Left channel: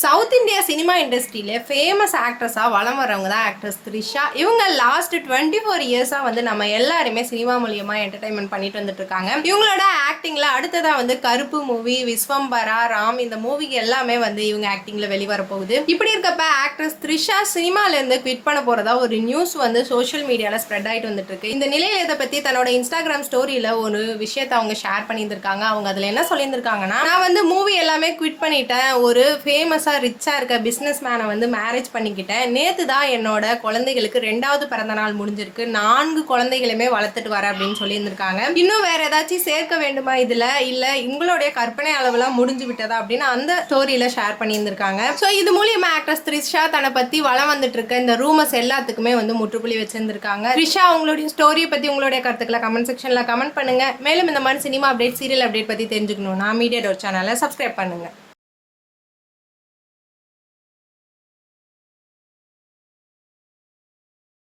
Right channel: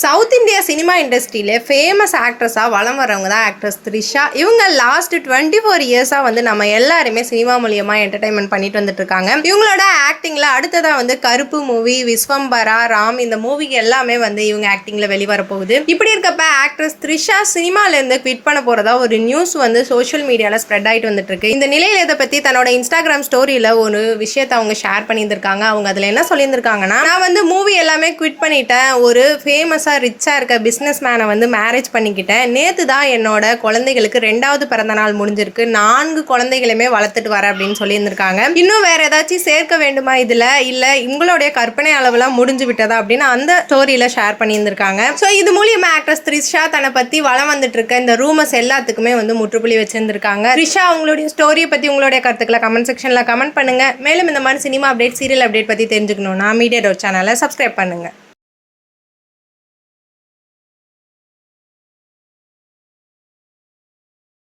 South India cinema இண்டஸ்ட்ரியில famous ஆக்ட்ரஸாக வலம் வரவங்க தான் ஆக்ட்ரஸ் த்ரிஷா. இவங்க லாஸ்ட் 24 இயர்ஸாக வந்து நம்ம எல்லாருமே சினிமா மூலியமாக என்டர்டைன்மெண்ட் பண்ணிட்டு வந்துட்டு இருக்காங்க. இவங்களோட ஆக்டிங்கில் அடுத்ததாக வந்து கருப்பு மூவி, விஸ்வம்பரா, ராம் இந்த மூவிக்கு எல்லாமே வந்து இவங்க ஆக்டிங்கில் வெளிவர போகுது. இப்படி இருக்கப்ப ஆக்ட்ரஸ் த்ரிஷா சினிமாலேருந்து குவிட் பண்ண போகிறதா ஒரு நியூஸ் வந்து சோஷியல் மீடியாவில் ஸ்ப்ரெட் ஆகிட்டு வந்துட்டு இருக்கு. இந்த நிலையில் இதை பற்றி தன்னோட இன்ஸ்டாகிராம் ஸ்டோரியில் ஒரு விஷயத்தை அவங்க ஷேர் பண்ணியிருந்திருக்காங்க. அவங்க அதில் என்ன சொல்லியிருந்திருக்காங்கன்னா, நான் வந்து மூவி எல்லாமே குவிட் பண்ணிட்டேன், ஒரு ஃபேமஸாக ரிச்சாக இருக்க பிஸ்னஸ் மேனை வந்து மேரேஜ் பண்ணிக்கிட்டேன். நேற்று தான் என்னோட குழந்தைகளுக்கு 2வது பிறந்த நாள் முடிஞ்சிருக்கு. 4 குழந்தைகளுமே வளர்த்துட்டு வரேன் அப்படின்னு சொல்லியிருந்திருக்காங்க. இன்னும் வேற ஏதாச்சும் சேர்க்க வேண்டுமா இதில், இல்லை உங்களுடைய கற்பனை அளவுலாம் முடிஞ்சு விட்டதா அப்படின்னு அந்த ஸ்டோரியில் ஷேர் பண்ணியிருந்திருக்காங்க. ஸோ இது மூலியமாக ஆக்ட்ரஸ் த்ரிஷா தன்னை பற்றி வளம் வந்துட்டு இருக்க இந்த ரூமர்ஸ் எல்லாத்துக்குமே வந்து முற்றுப்புள்ளி வச்சிருந்திருக்காங்க. த்ரிஷா உங்களுடைய ஸ்டோரியை பற்றி உங்களுடைய கருத்துக்களை கமெண்ட் செக்ஷனில் கமெண்ட் பண்ணுங்க. மேலும் இந்த மாதிரி சினிமா அப்டேட், சீரியல் அப்டேட் பற்றி தெரிஞ்சுக்கணும்னா மீடியா டோர் சேனலை சப்ஸ்கிரைப் பண்ணுங்க.